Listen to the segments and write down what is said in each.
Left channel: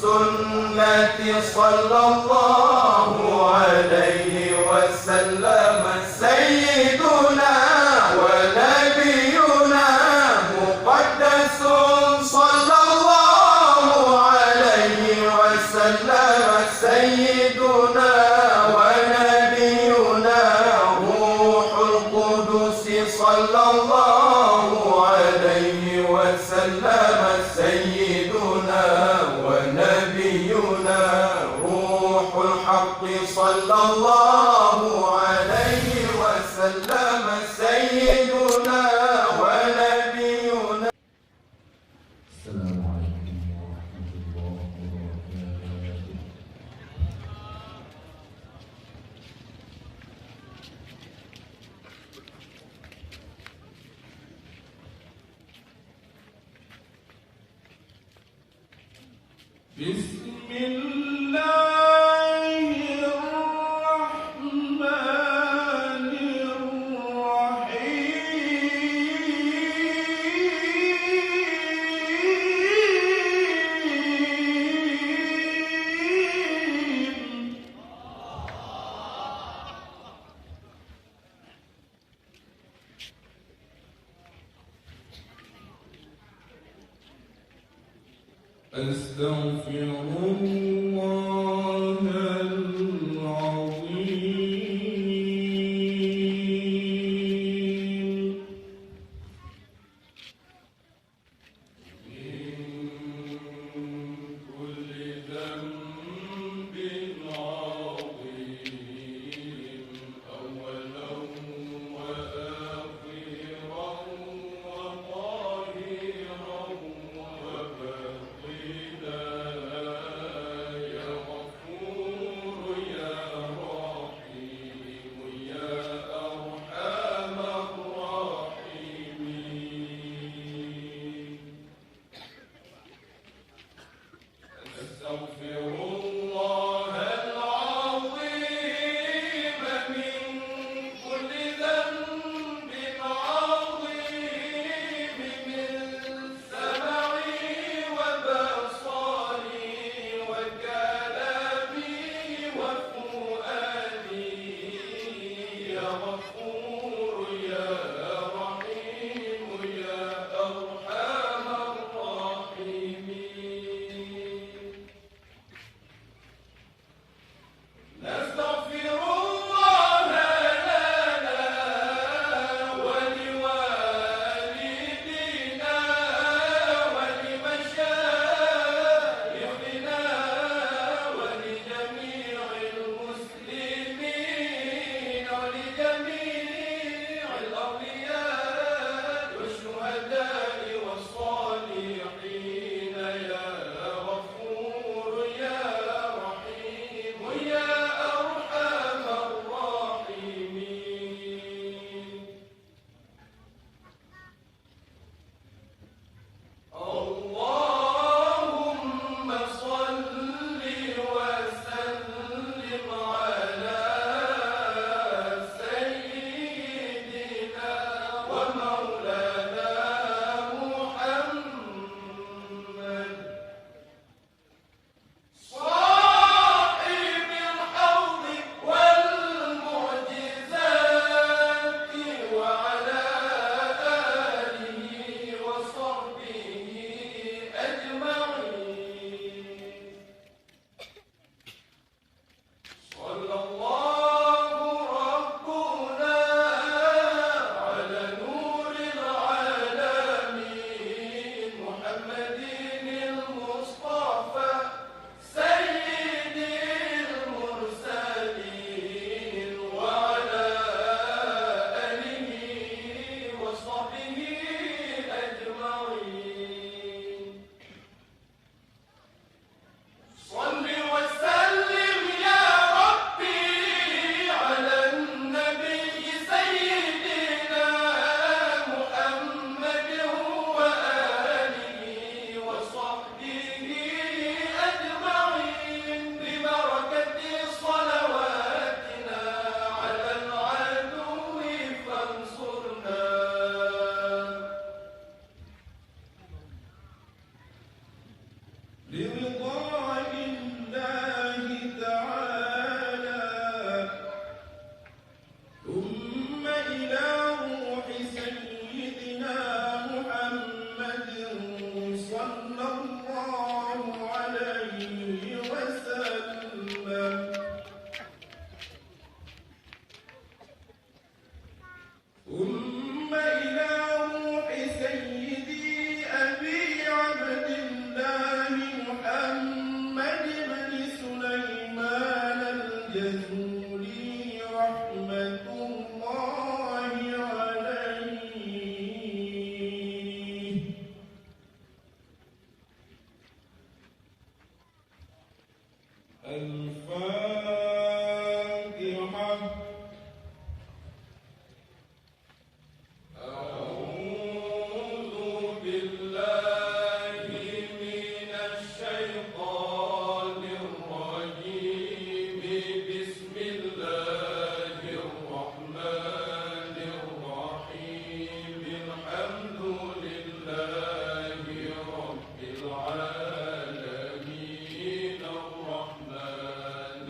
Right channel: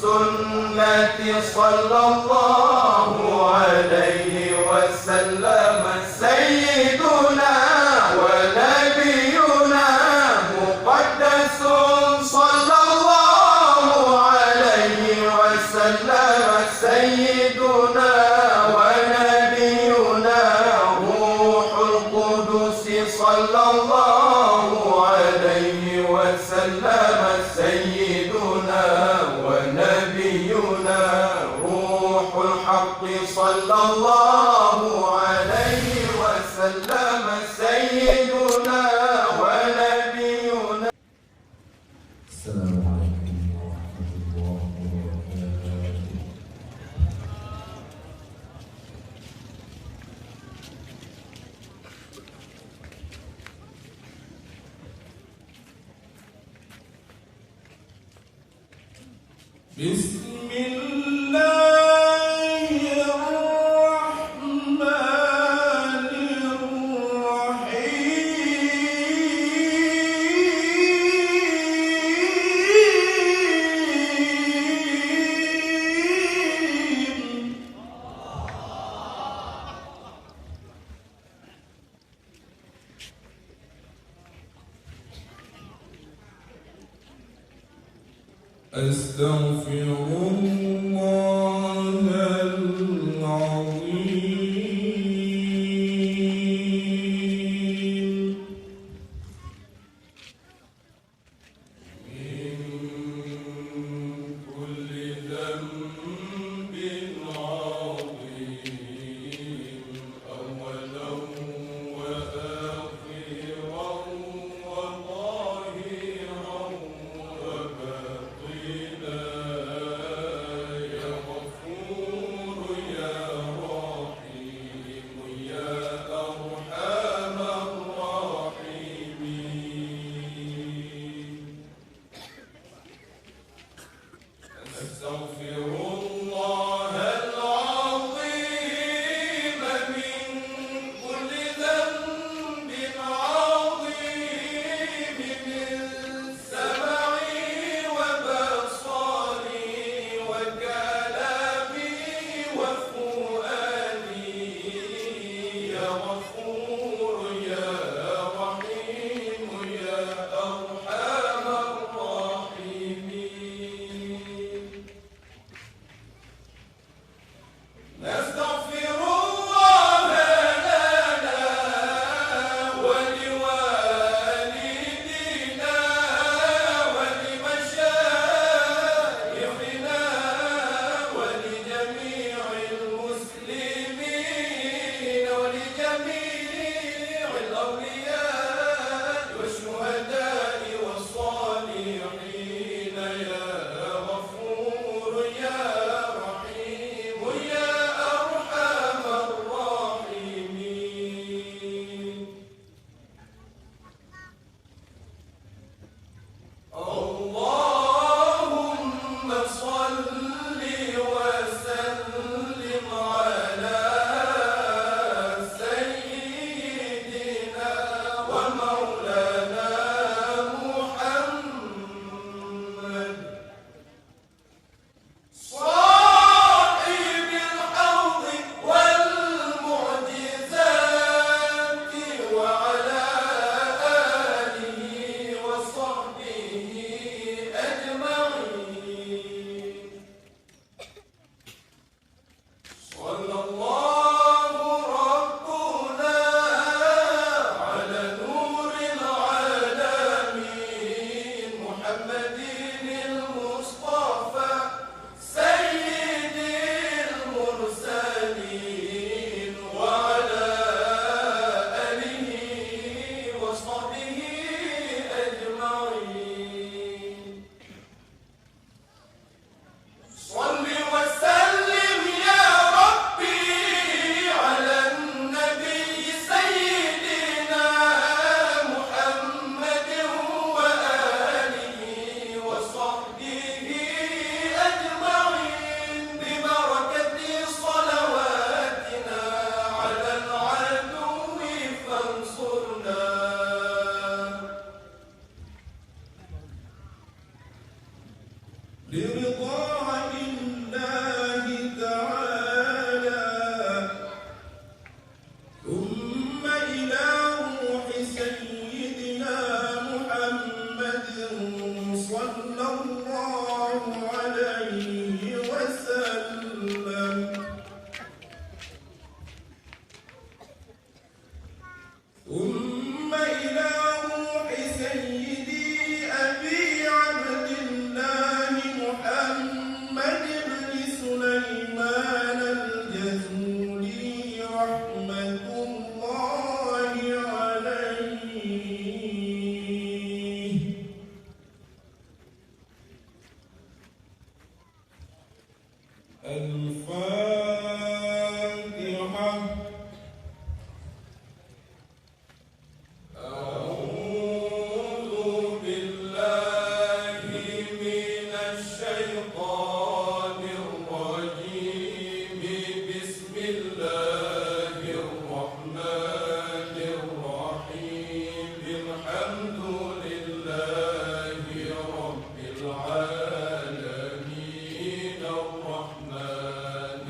سنة صلى الله عليه وسلم سيدنا ونبينا مقدس صلى الله عليه وسلم سيدنا ونبينا روح القدس صلى الله عليه وسلم سيدنا ونبينا روح الحق صلى الله عليه وسلم سيدنا ونبينا. السلام عليكم ورحمة الله وبركاته. بسم الله الرحمن الرحيم. أستغفر الله العظيم من كل ذنب عظيم أولا وآخرا وظاهرا وباطنا يا غفور يا رحيم يا أرحم الراحمين. أستغفر الله العظيم من كل ذنب عظيم من سمعي وبصري وكلامي وفؤادي يا غفور يا رحيم يا أرحم الراحمين. بن سليمان الجزولي رحمة الله عليه. الفاتحة. أعوذ بالله من الشيطان الرجيم. بسم الله الرحمن الرحيم. الحمد لله رب العالمين الرحمن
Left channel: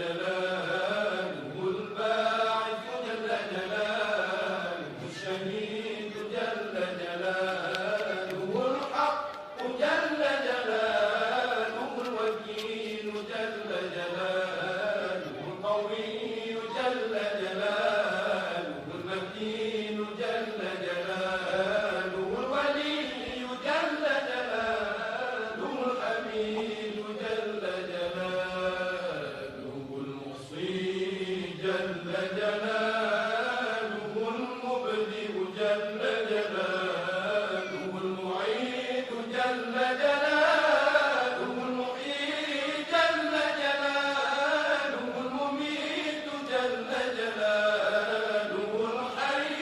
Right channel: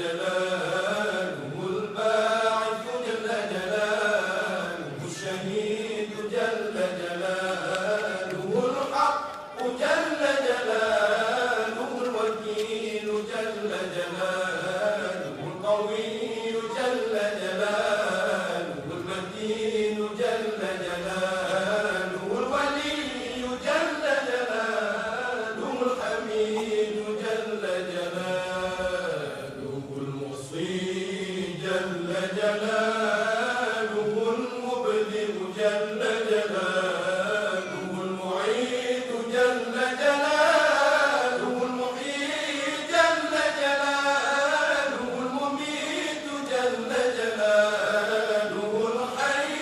جلاله الباعث جل جلاله الشهيد جل جلاله الحق جل جلاله الوكيل جل جلاله القوي جل جلاله المتين جل جلاله الولي جل جلاله الحميد جل جلاله المحصي جل جلاله المبدئ جل جلاله المعيد جل جلاله المحيي جل جلاله المميت جل جلاله الحي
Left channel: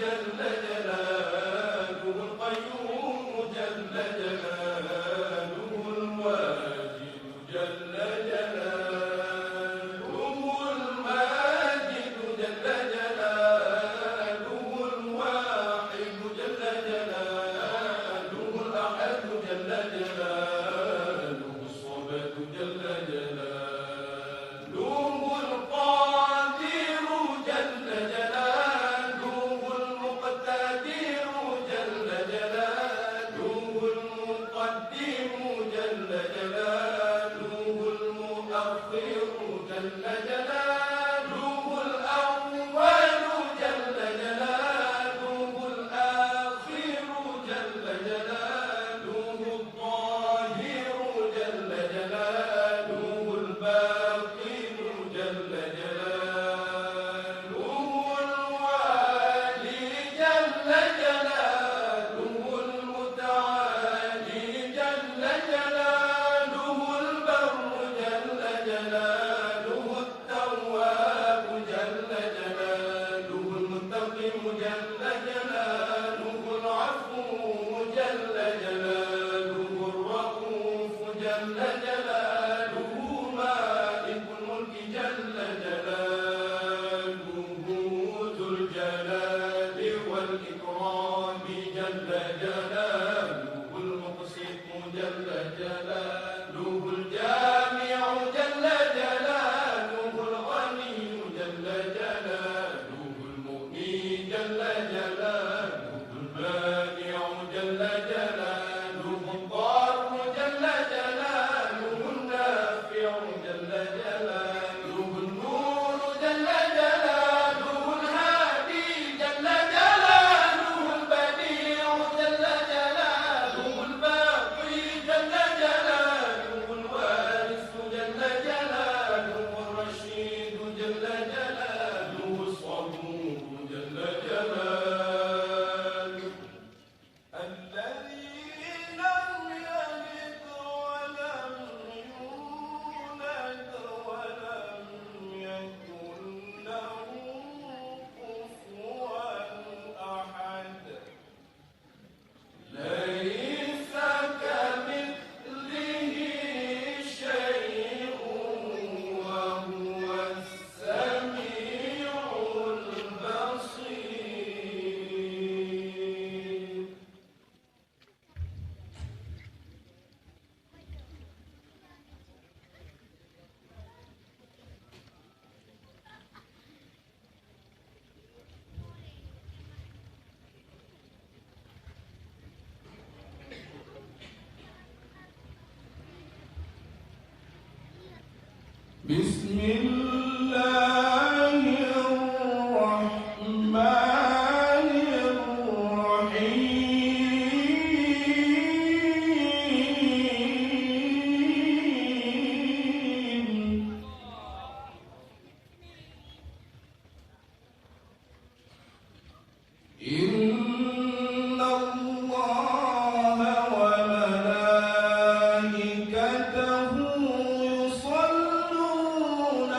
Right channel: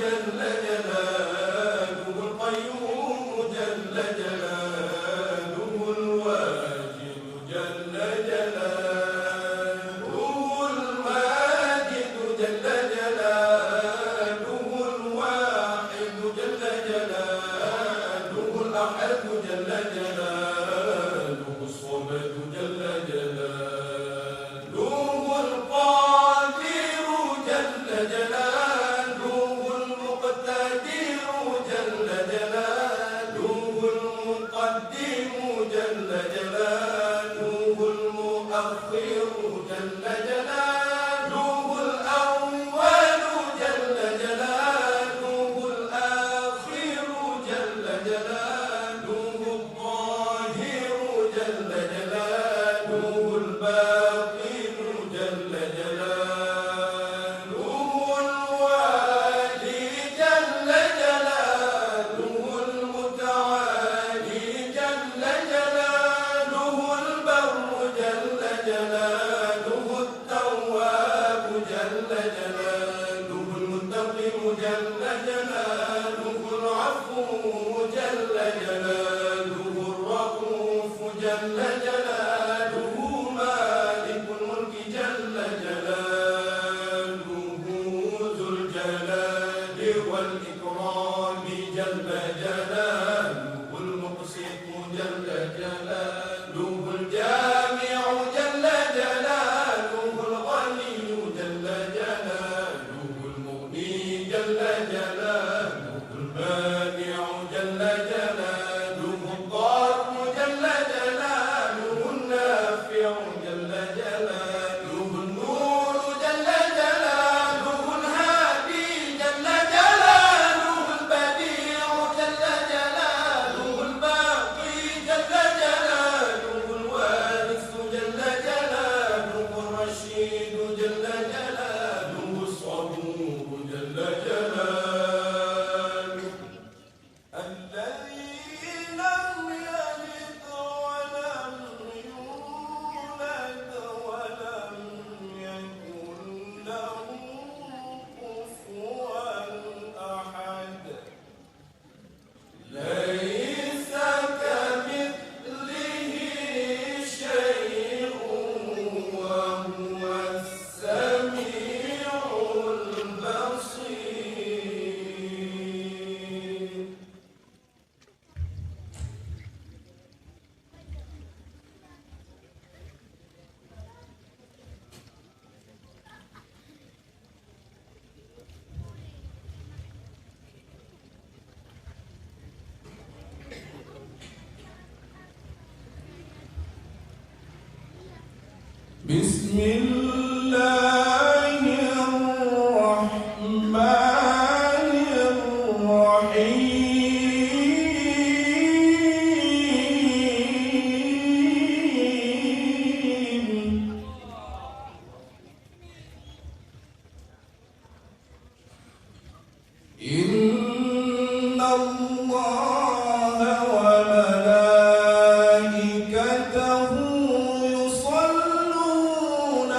جل جلاله القيوم جل جلاله الواجد جل جلاله الماجد جل جلاله الواحد جل جلاله الأحد جل جلاله الصمد جل جلاله القادر جل جلاله المقتدر جل جلاله المقدم جل جلاله المؤخر جل جلاله الأول جل جلاله الآخر جل جلاله الظاهر جل جلاله الباطن جل جلاله الوالي جل جلاله المتعالي جل جلاله البر جل جلاله التواب جل جلاله المنتقم جل جلاله العفو جل جلاله الرؤوف جل جلاله مالك الملك جل جلاله ذو الجلال والإكرام جل جلاله المقسط جل جلاله الجامع جل جلاله الغني جل جلاله المغني جل جلاله المانع جل جلاله الضار جل جلاله النافع جل جلاله النور جل جلاله الهادي جل جلاله البديع جل جلاله الباقي جل جلاله الوارث جل جلاله الرشيد جل جلاله الصبور جل جلاله الذي لم يلد ولم يولد ولم يكن له كفوا أحد ليس كمثله شيء وهو السميع البصير بسم الله الرحمن الرحيم إن الله وملائكته يصلون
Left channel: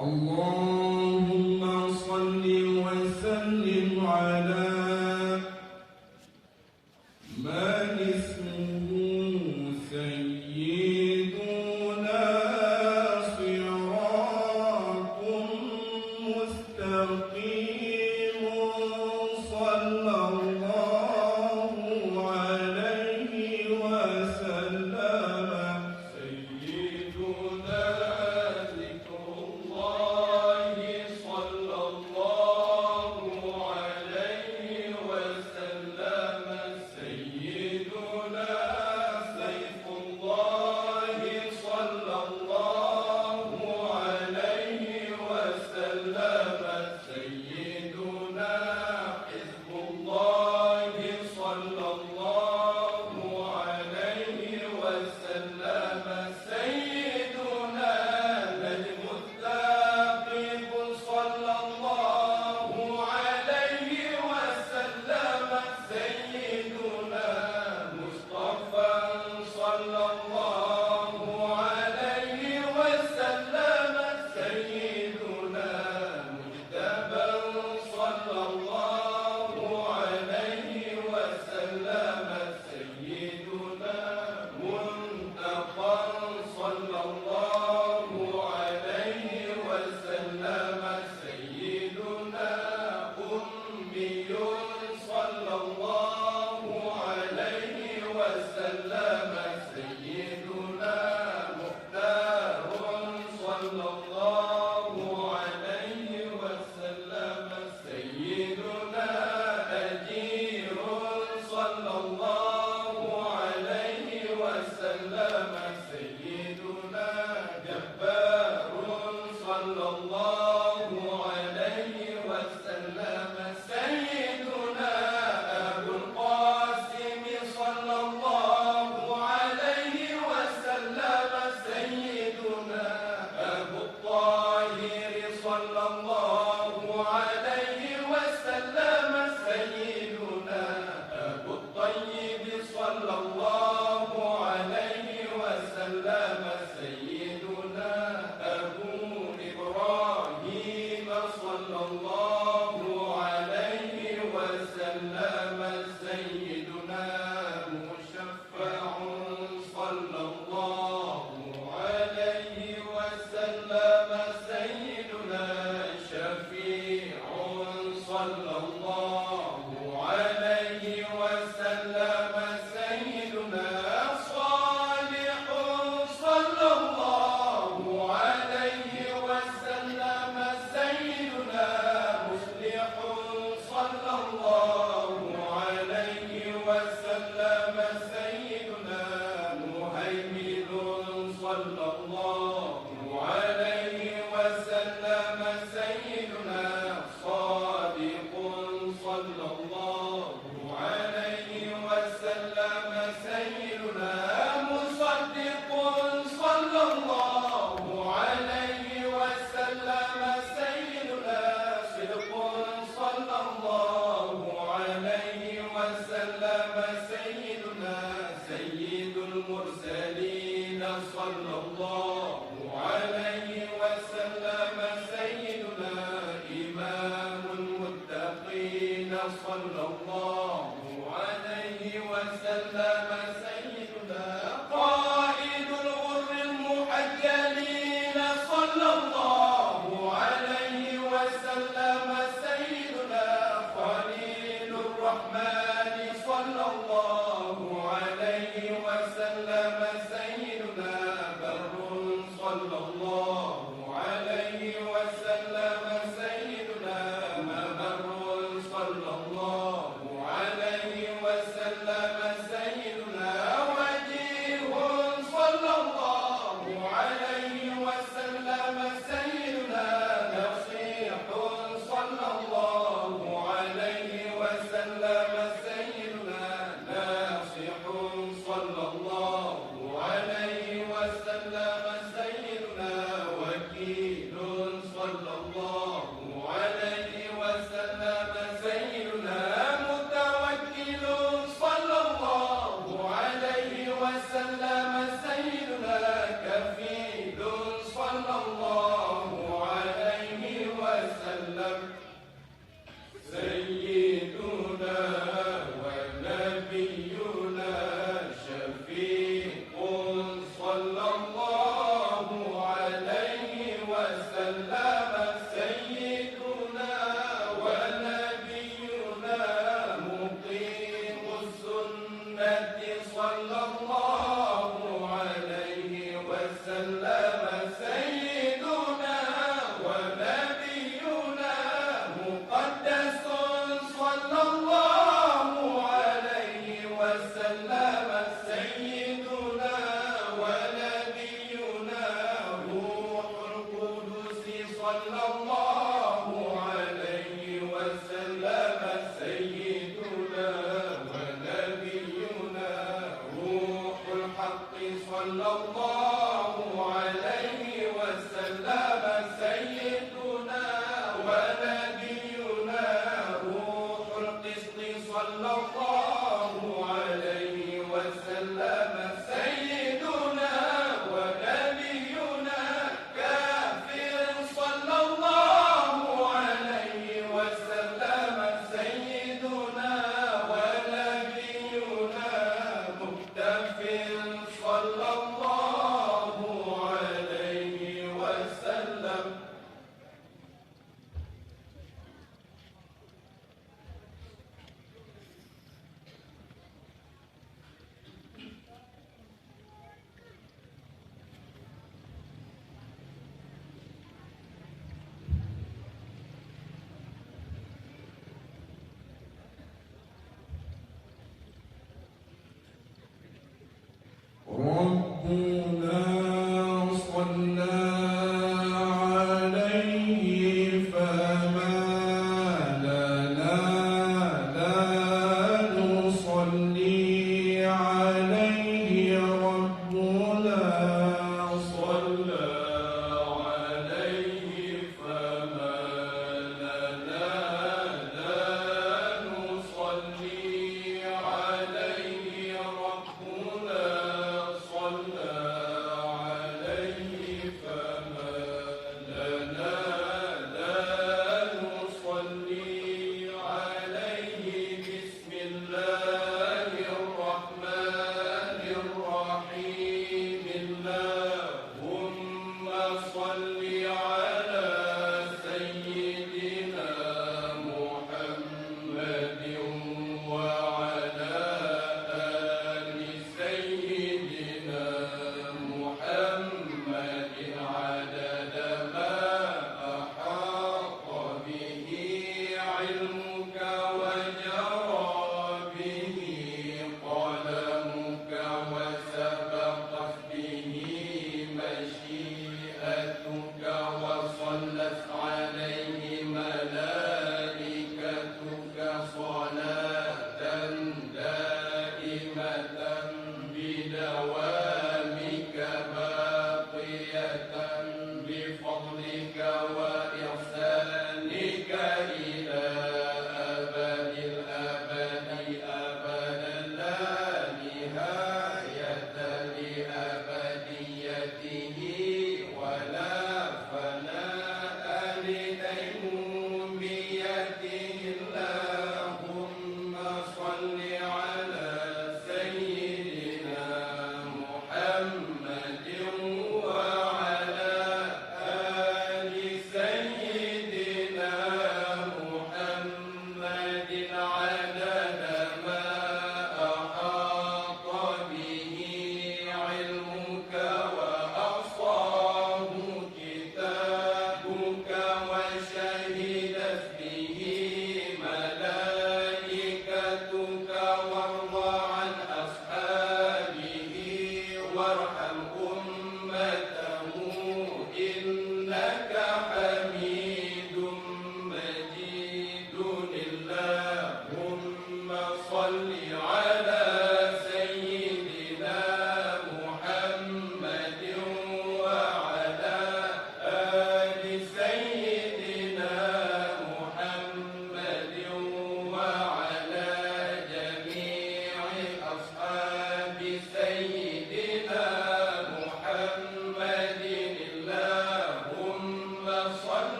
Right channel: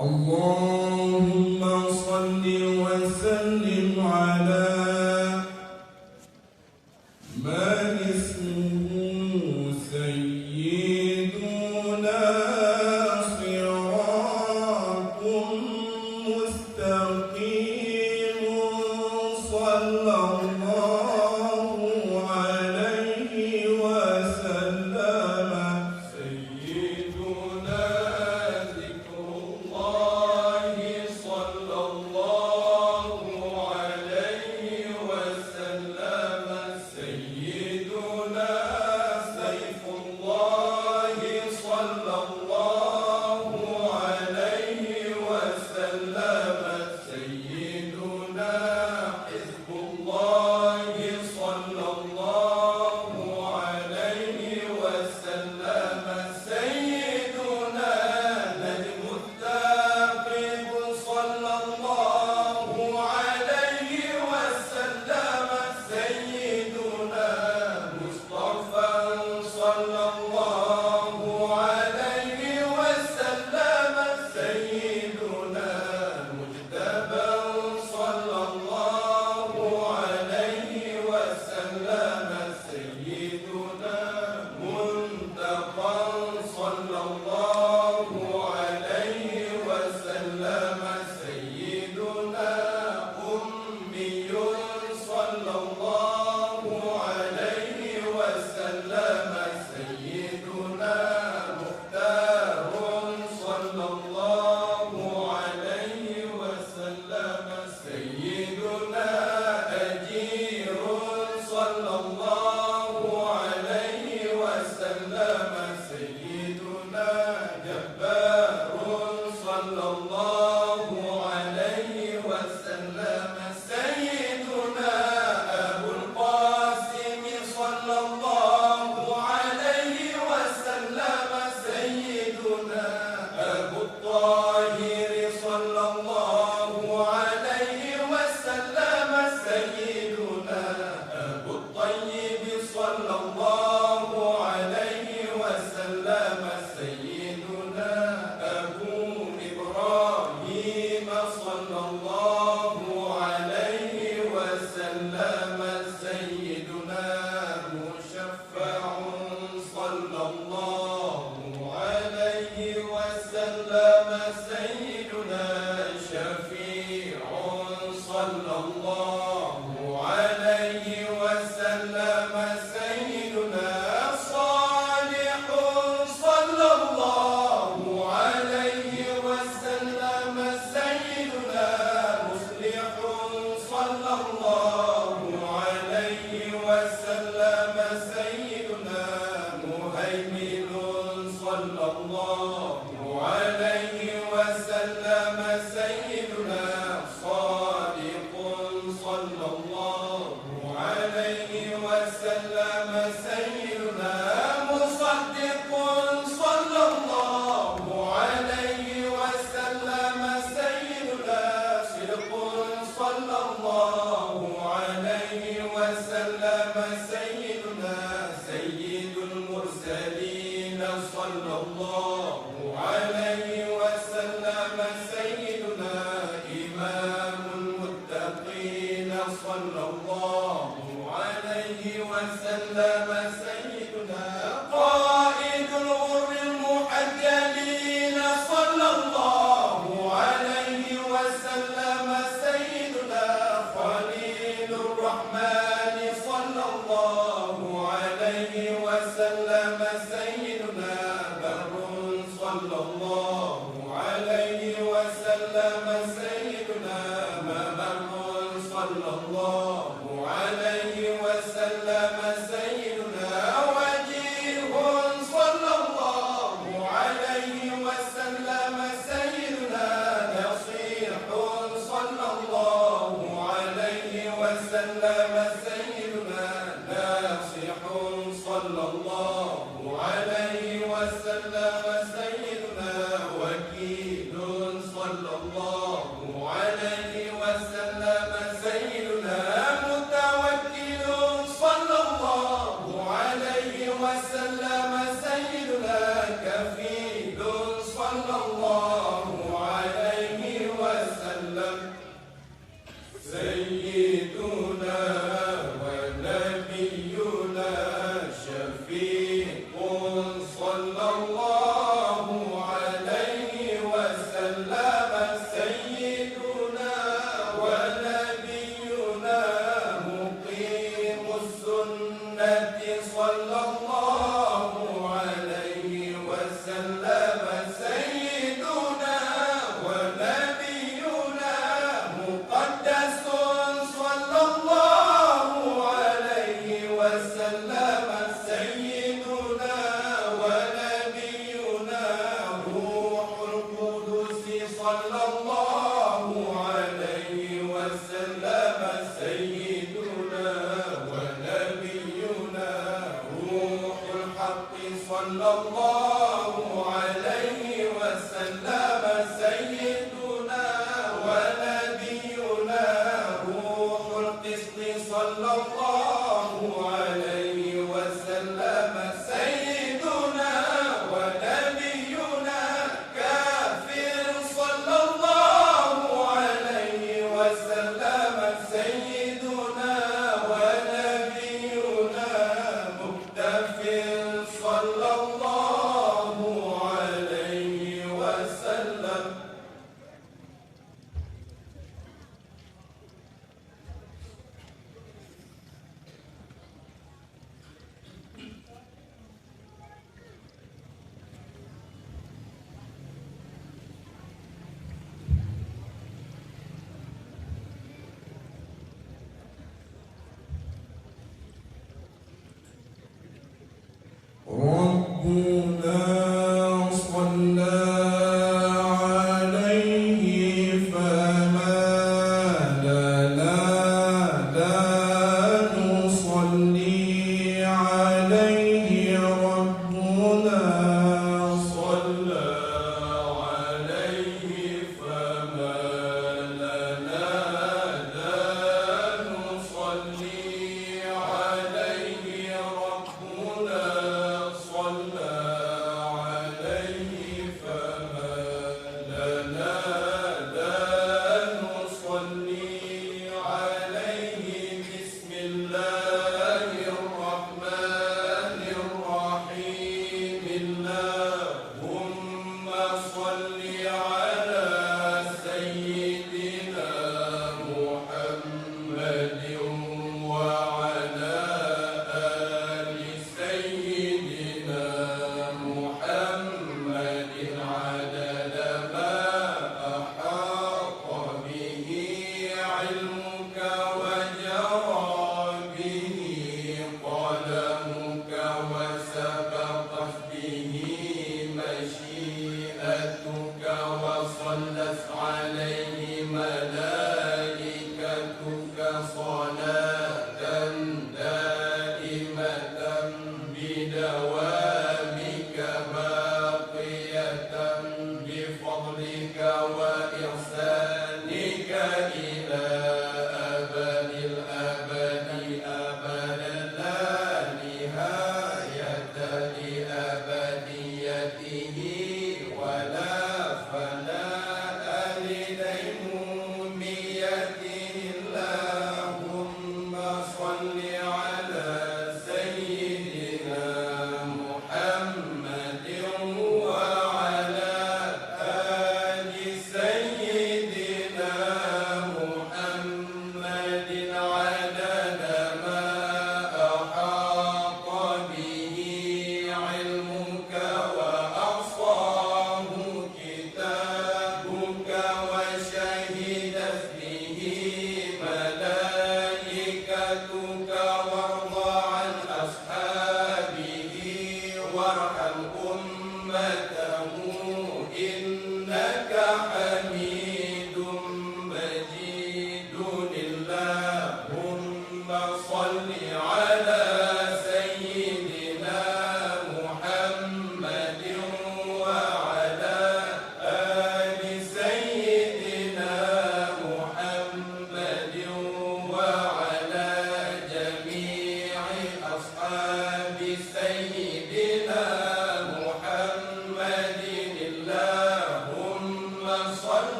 اللهم صل وسلم على من اسمه سيدنا صراط مستقيم صلى الله عليه وسلم. سيدنا ذكر الله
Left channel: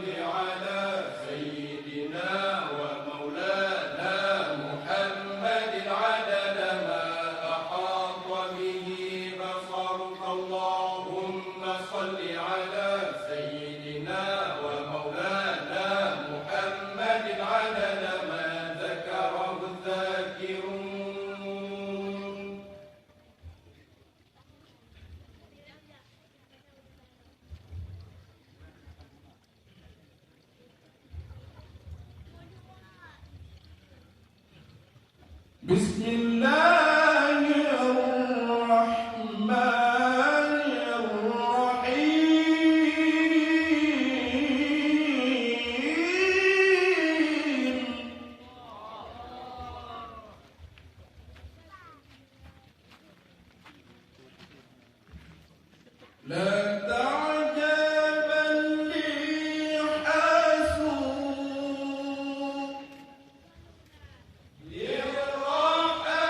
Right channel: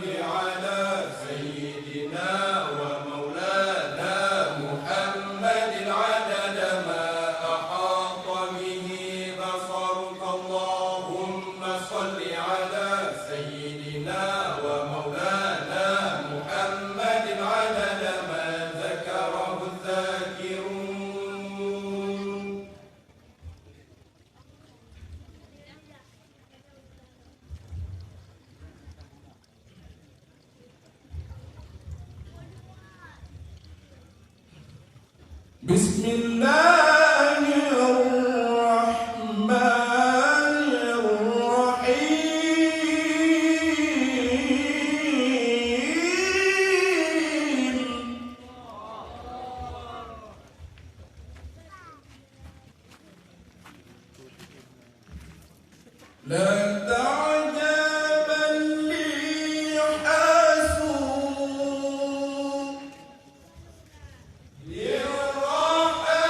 صل على سيدنا ومولانا محمد عدد ما أحاط به بصرك. اللهم صل على سيدنا ومولانا محمد عدد ما ذكره الذاكرون. بسم الله الرحمن الرحيم. لا تعجبا لي حاسوب للرحى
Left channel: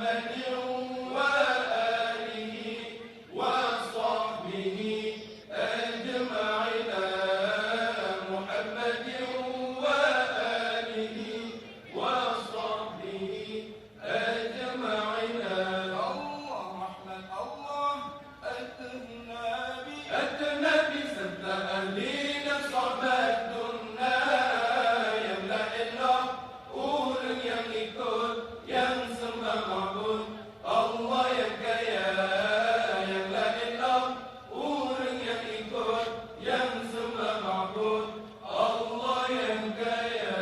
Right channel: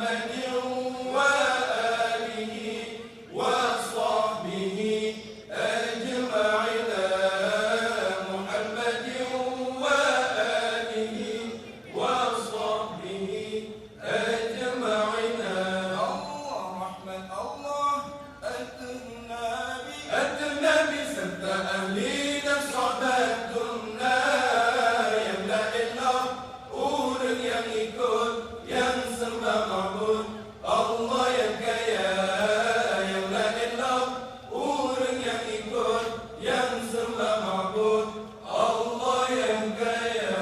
محمد وآله وصحبه أجمعين محمد وآله وصحبه أجمعين الله رحمن الله أتنا بسد أهلنا صعبتنا يملأ الأرض yang ikut yang sembah ma'bud Allah yang kaya yang la ilah orang yang ikut yang sembah ma'bud Allah yang kaya.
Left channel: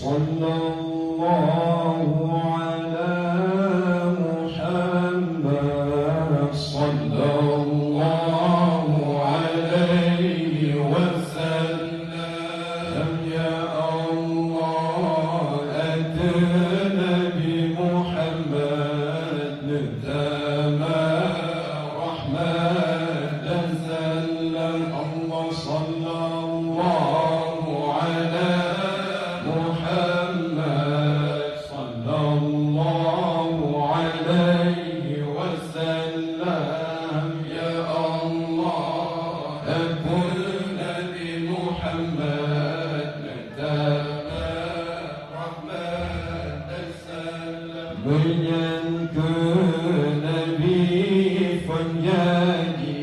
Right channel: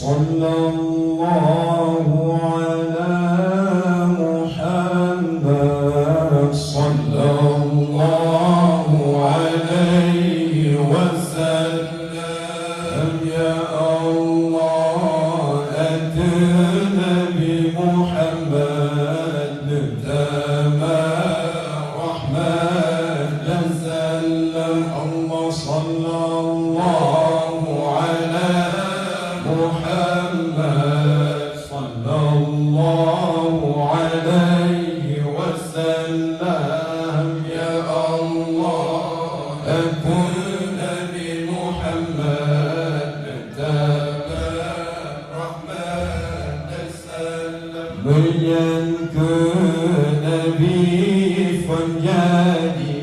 صلى الله على محمد صلى الله عليه وسلم يا الله أتنا بمحمد نبتما رحمة سلم الله صلى الله على محمد صلى الله عليه وسلم يا الله أتنا بمحمد نبتما رحمة سلم من ينكر نبي فنجاني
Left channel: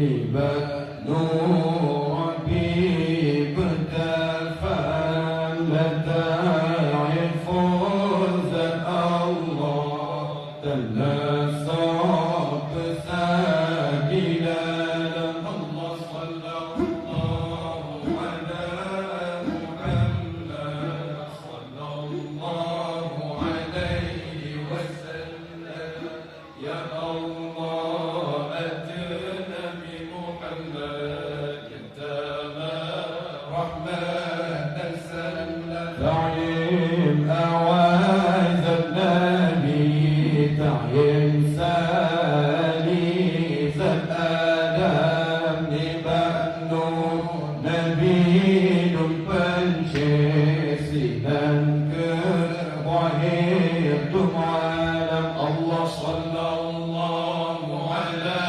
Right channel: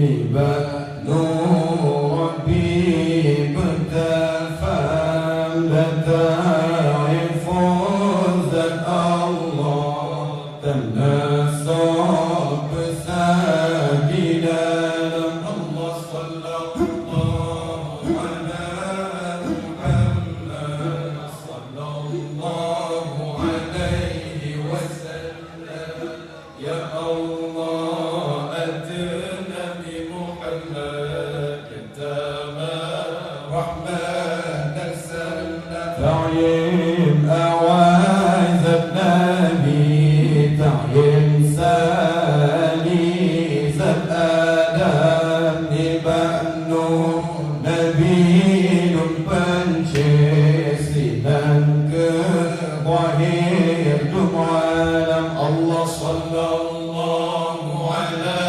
لبنو ربي بتفهم لتعرف ذات الله تناسب سبيلا الله صلى الله على محمد صلى الله عليه وسلم يا الله أتنا بمحمد تمام رحمة سلم تعيين أعواذ النبي تعيين سالي زب آدم نبأنو نبي بنشيسي ننكر ظهير دمعنا الله صلى الله على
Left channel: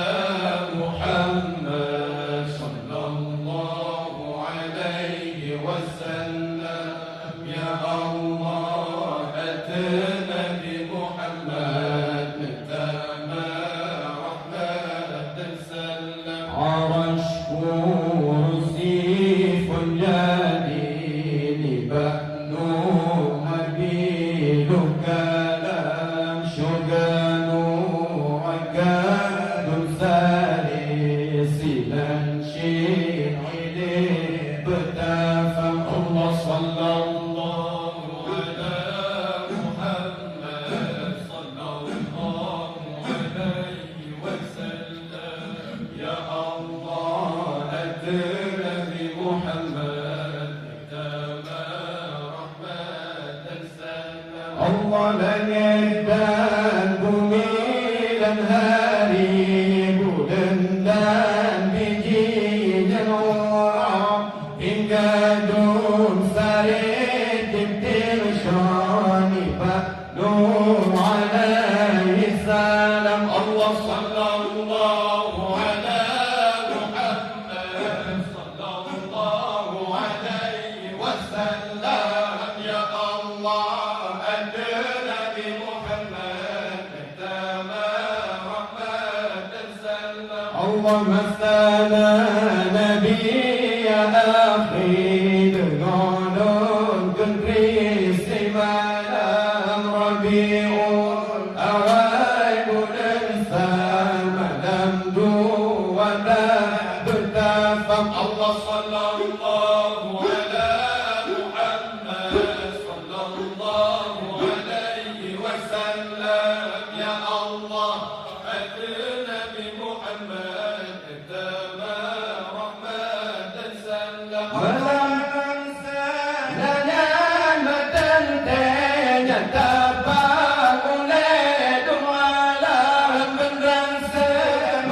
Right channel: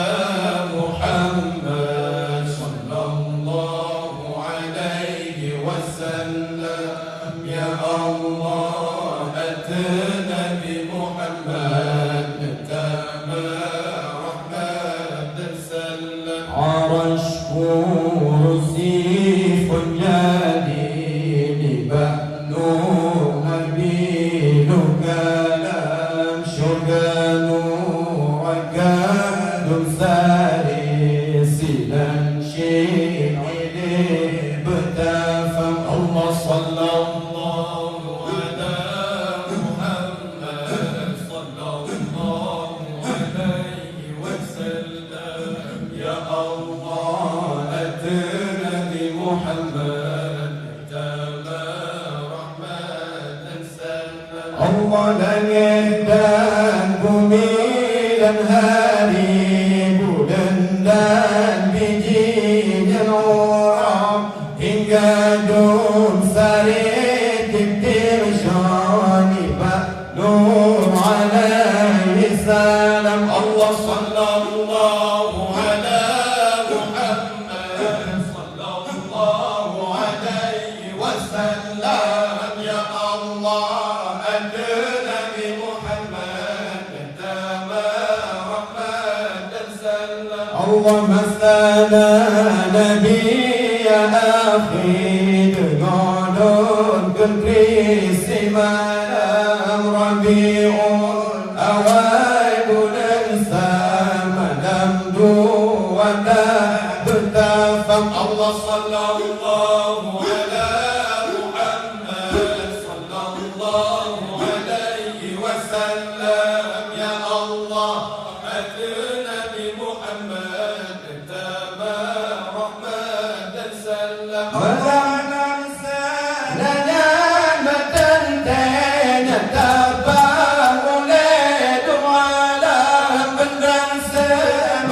محمد صلى الله عليه وسلم يا الله أتنا بمحمد تمام رحمة سلم عرش كرسي فنجاني بأنو أمين كلام شغانو أكاد ساري سنان شيعي بتفهم الله صلى الله على محمد صلى الله عليه وسلم يا الله أتنا بمحمد تمام رحمة سلم الله لن يهدان بميلا هاري بلندان بجيد الورع إن قادوم سريت بترشاني بأنور عليه السلام الله صلى الله على محمد صلى الله عليه وسلم يا الله أتنا بمحمد تمام Masana Nabi ya akhi dengan negeri semalam Rabiul awal bulan semalam dua bertafak Allah sallallahu ala Muhammad sallallahu alaihi wasallam ya Allah atna bi Muhammad tama rahmat dan salam Malangan sananya matan tanya tabang oleh duala mendang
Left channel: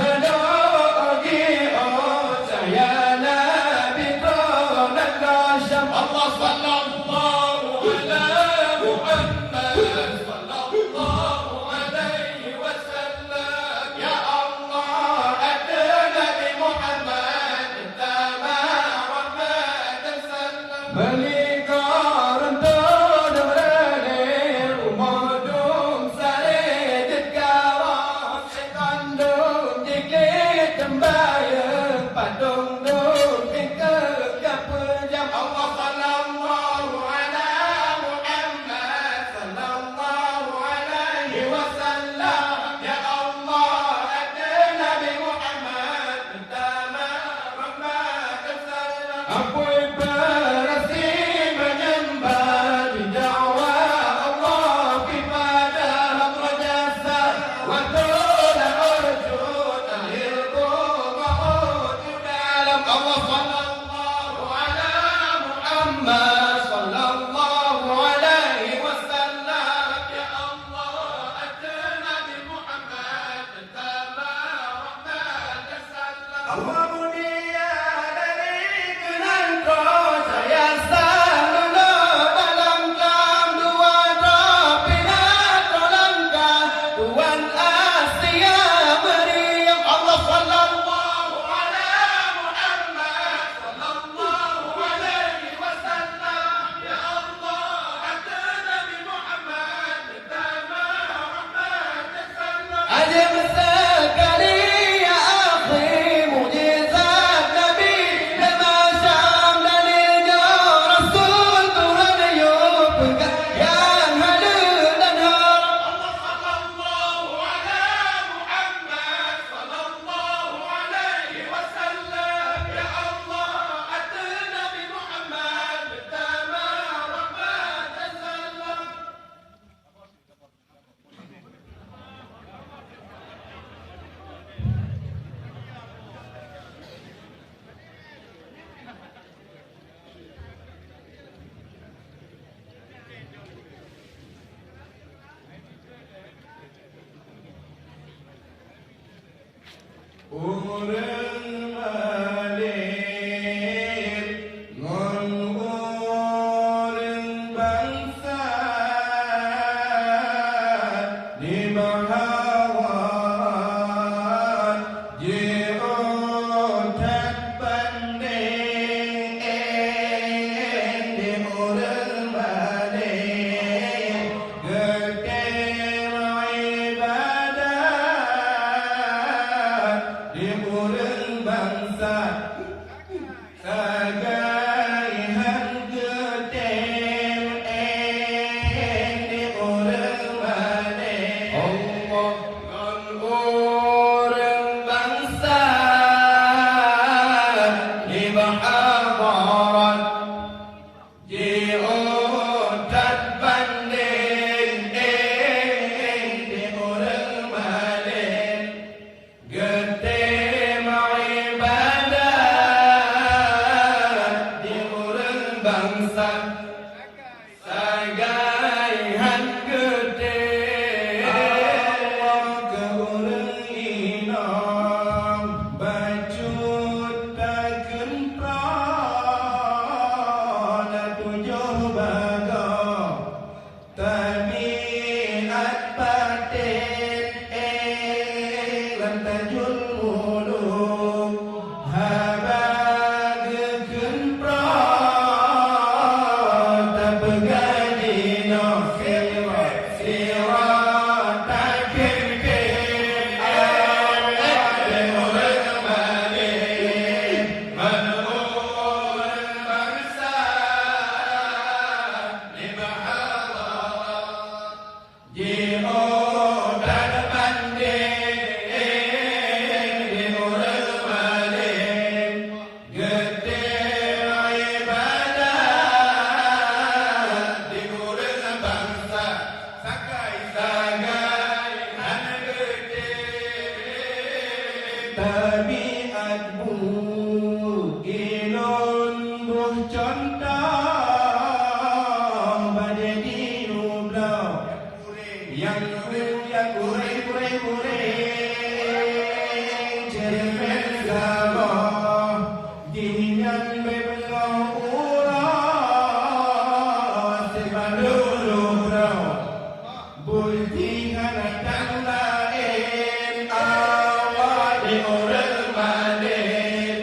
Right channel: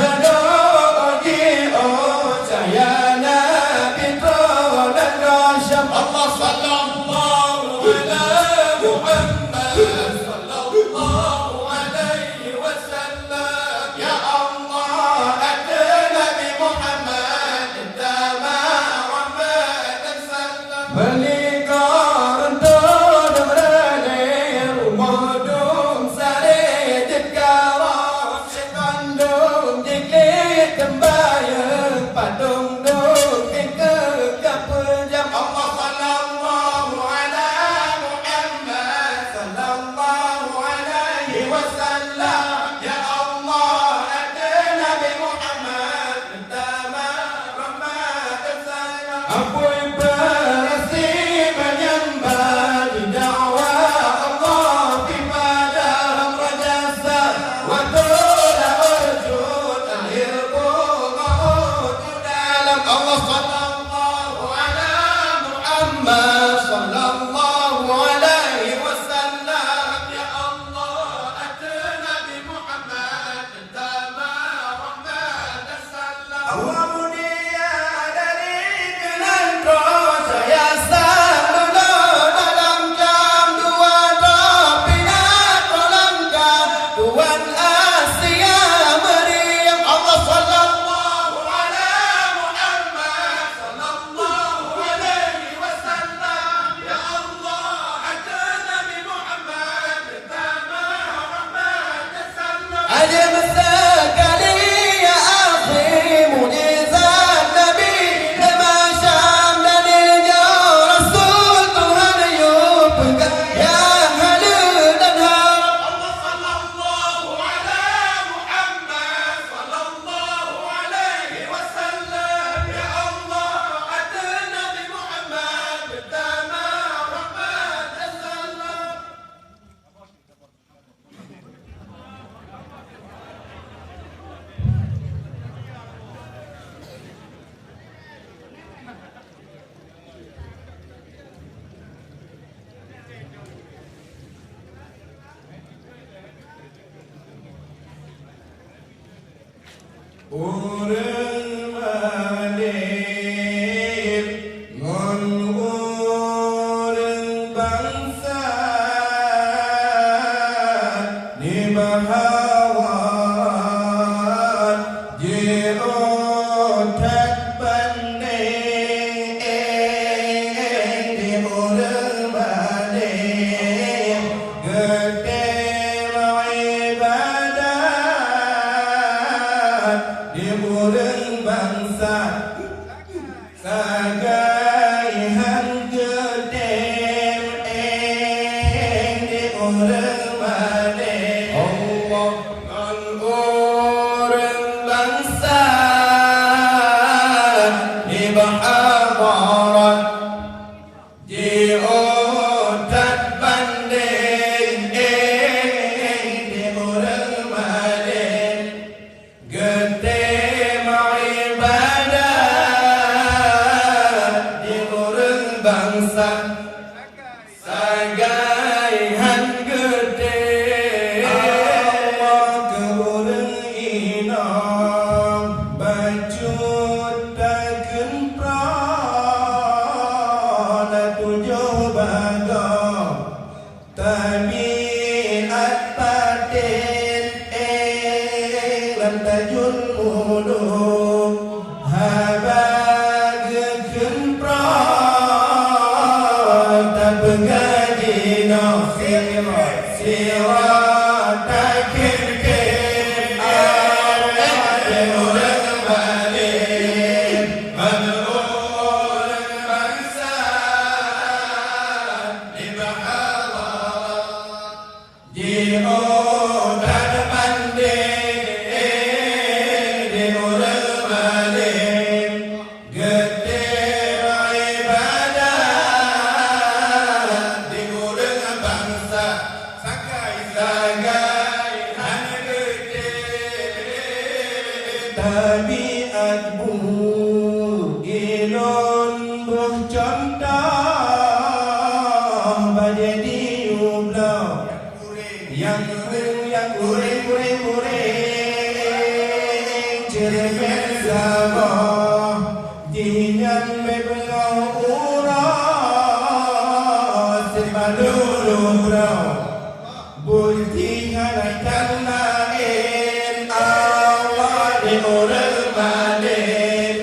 semedogi oh saya Nabi dan Rasyam Allah sallallahu ala Muhammad sallallahu alaihi wasallam ya Allah atna bi Muhammad tama rahmat dan salam Melikar untuk dengerin umudum sari jekara sekandung dikit tembayang patung dum tingkep kapujam Allah sallallahu ala Muhammad sallallahu alaihi wasallam ya Allah atna bi Muhammad tama rahmat dan salam Ampun berasi menyembah di dakwah Allah di padang rajasa wa tula wujud al-hirbu ma'ud dalam Allah sallallahu ala Muhammad sallallahu alaihi wasallam ya Allah atna bi Muhammad tama rahmat dan salam Allah mulia dari kenandro saya selalu dalam jam dua pinat langkah Tuan Asia Maryam Allah sallallahu ala Muhammad sallallahu alaihi wasallam ya Allah atna bi Muhammad tama rahmat dan salam Ajib sekali ya akhi mujizat Nabi lama Syam dan ilja Rasul Tuhan yuk yang hadir dan harap Allah sallallahu ala Muhammad sallallahu alaihi wasallam ya Allah atna bi Muhammad tama rahmat dan salam Urang malir ngon urang bangsa di bahawan je otak banding di urang malir gede ibadat di urang bangsa kagaihan gede di urang malir Allah ngan urang bangsa di bahawan di otak banding di urang malir gede tabiat bu ilon buh contoh menjadi ublah yang kuring cermin sabah dengan bebelah urah sebalulu brau bulti halakan lain awal di orang balik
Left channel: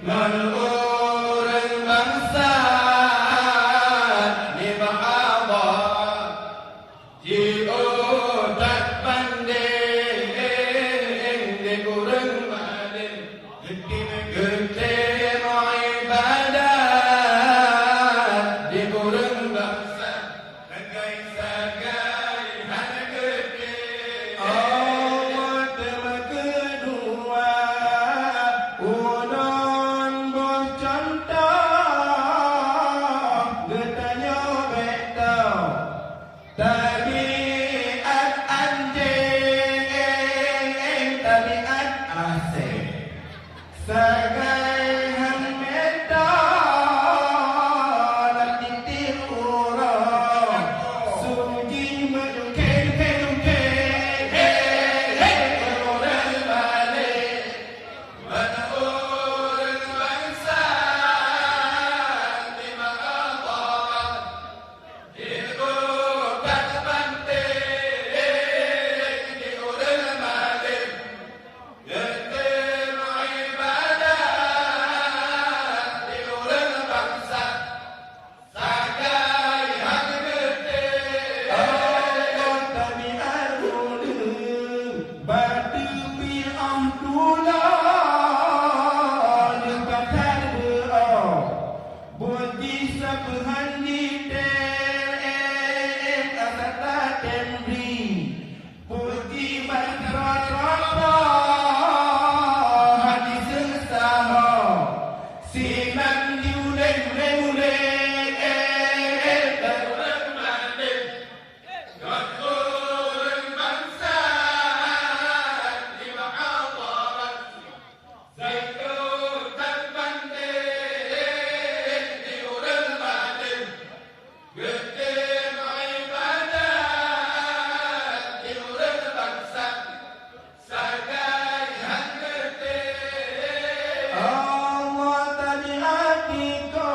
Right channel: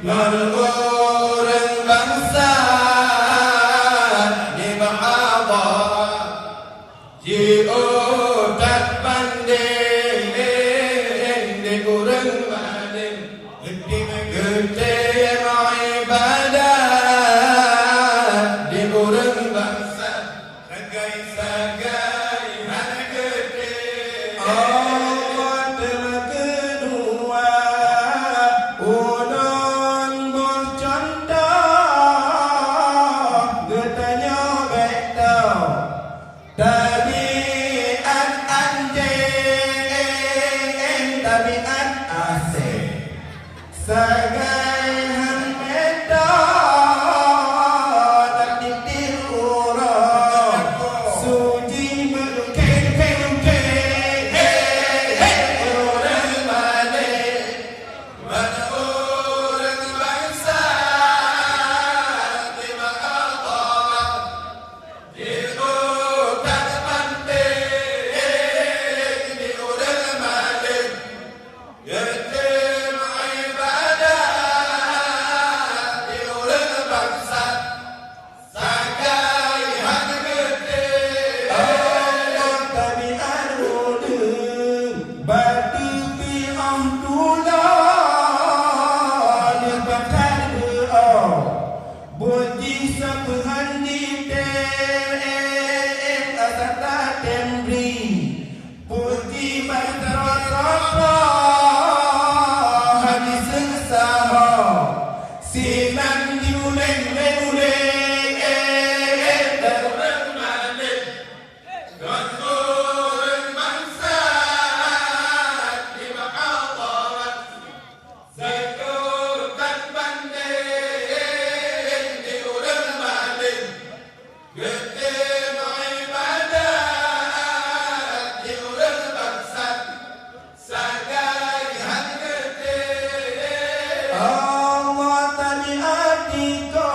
mengurang bangsa di bahaba di otak banding di orang balik gede ibadah di orang bangsa sagai hana gede telah kedua ulun bercontoh getanya betau tabiat anjing tabiat asing sagai han betau tapi tiurang suci berkeng orang balik orang bangsa di mahkamah di otak penting di orang balik gede ibadah di orang bangsa sagai hak gede tabiat ulun batu pi'ah tulah libatkan berau bunyi sebuhan di tem asata temri puji masyarakat hadis sesama sinan diuleng orang balik orang bangsa di mahkamah zakat banding di orang balik gede ibadah di orang bangsa sagai hak gede Allah tabiatika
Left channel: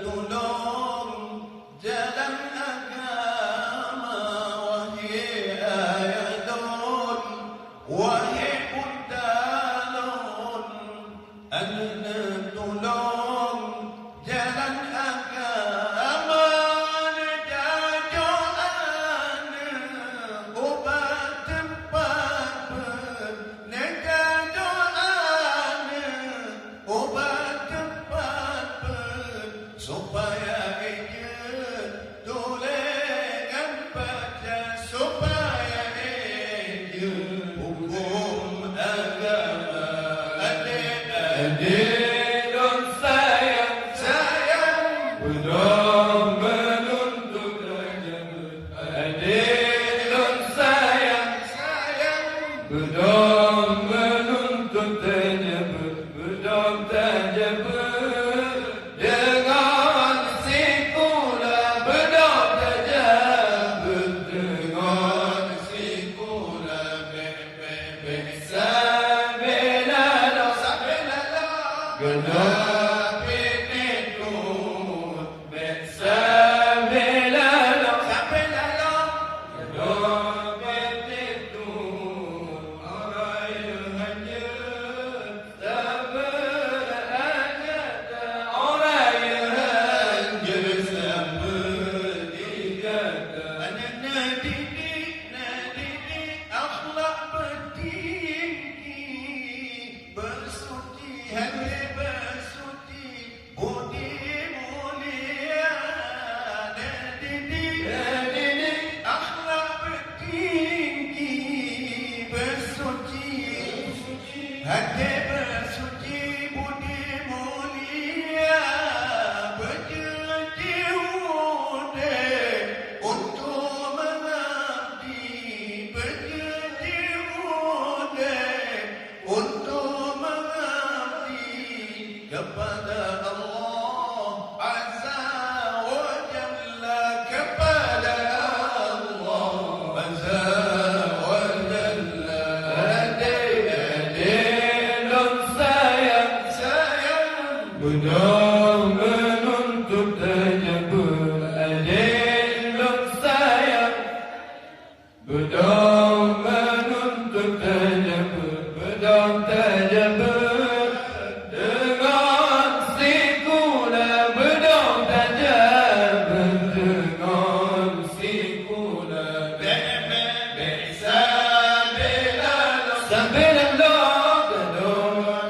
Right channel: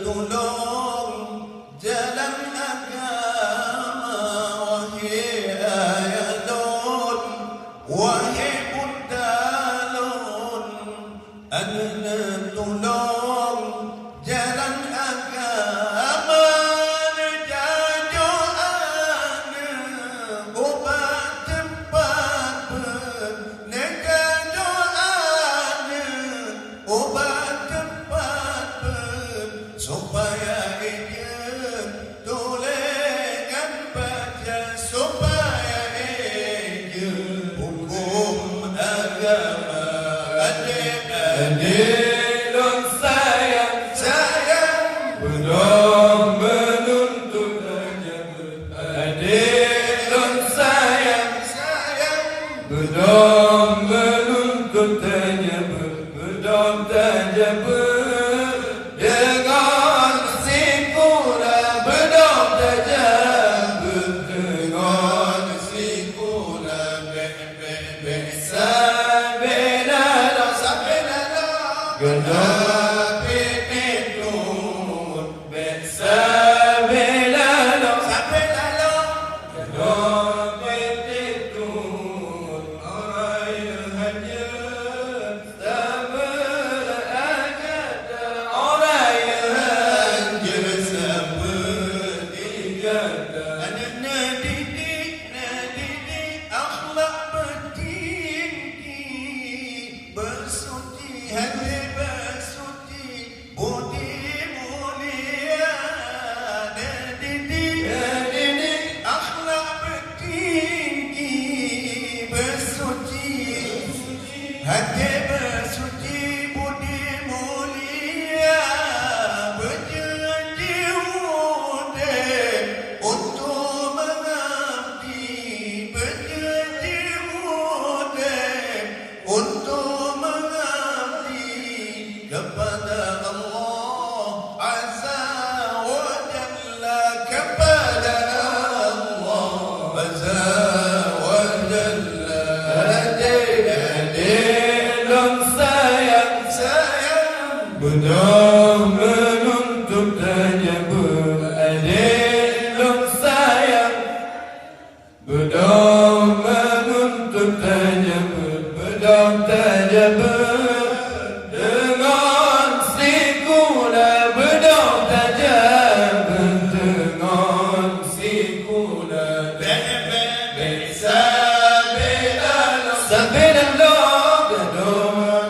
tolong jalan agama wahai ayalun wahai budalun tolong jalan agama nejajoan obat tempat nejajoan obat tempat supaya ia toleran baca supaya ia hukum agama adik-adik Belum menuntut agama adik dan sayang belum menuntut agama belum tajam dengan simpulan belum tajam dengan simpulan hati bersuci budi mulia berjanji udeh untuk mengabdi berjanji udeh untuk mengabdi kepada Allah Azza wa Jalla kepada Allah Azza wa Jalla belum menuntut tajam adik dan sayang belum menuntut tajam belum tajam dengan sikula belum tajam dengan sikula Sabirallah gadon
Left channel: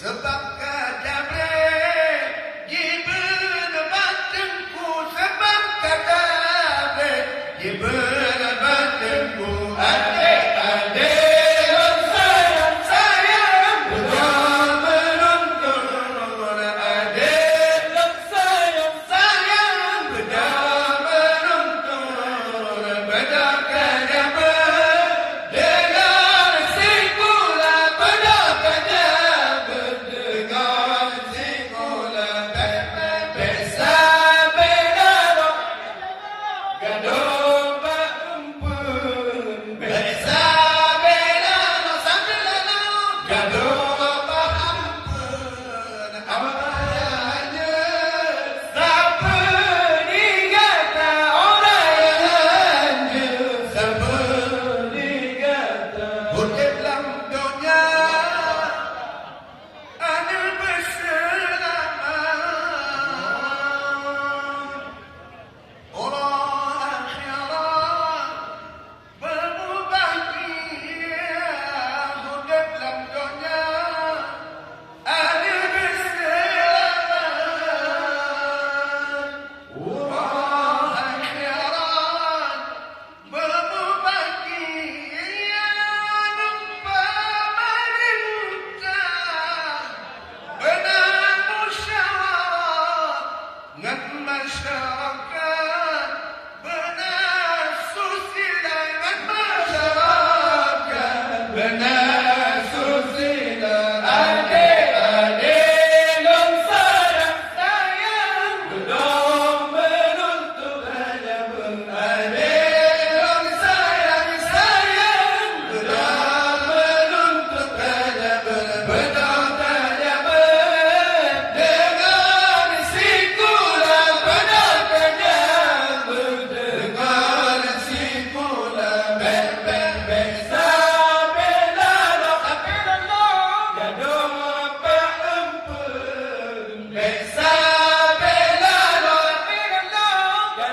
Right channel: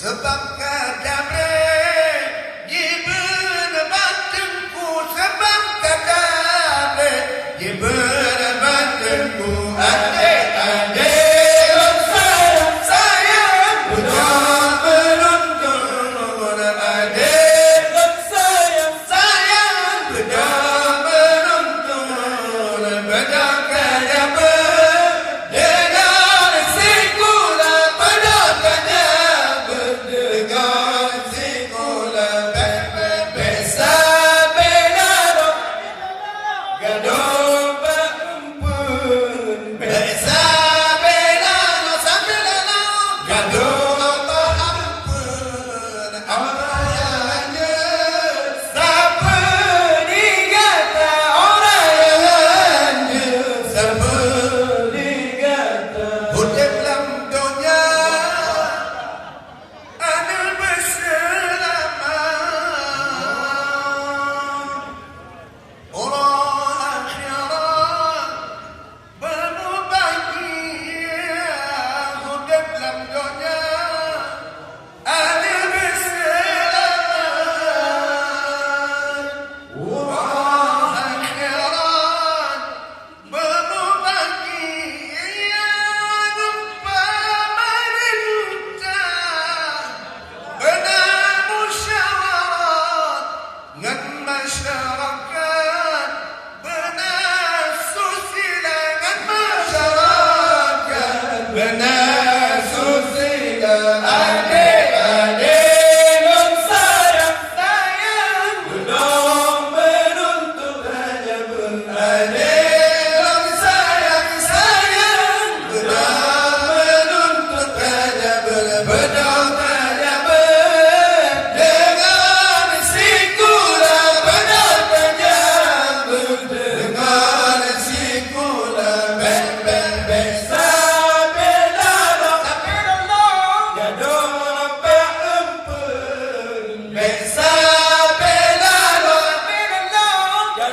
sebab kadabre gibran batanku sebab kadabre gibran batanku adik-adik sayang belum menuntut adik sayang belum menuntut bedak kadabre dengan sikula bedak kadabre dengan sikula besa belaro gadon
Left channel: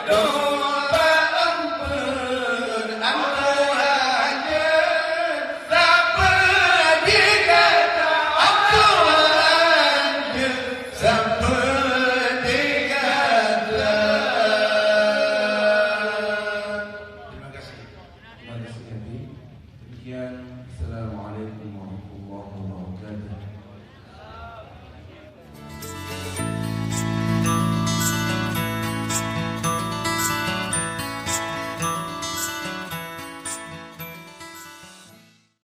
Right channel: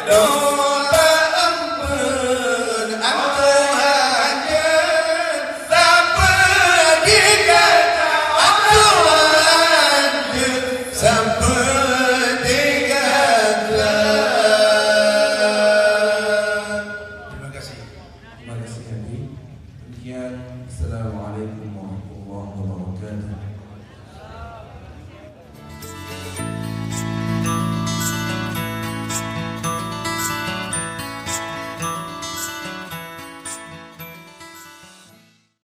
Don't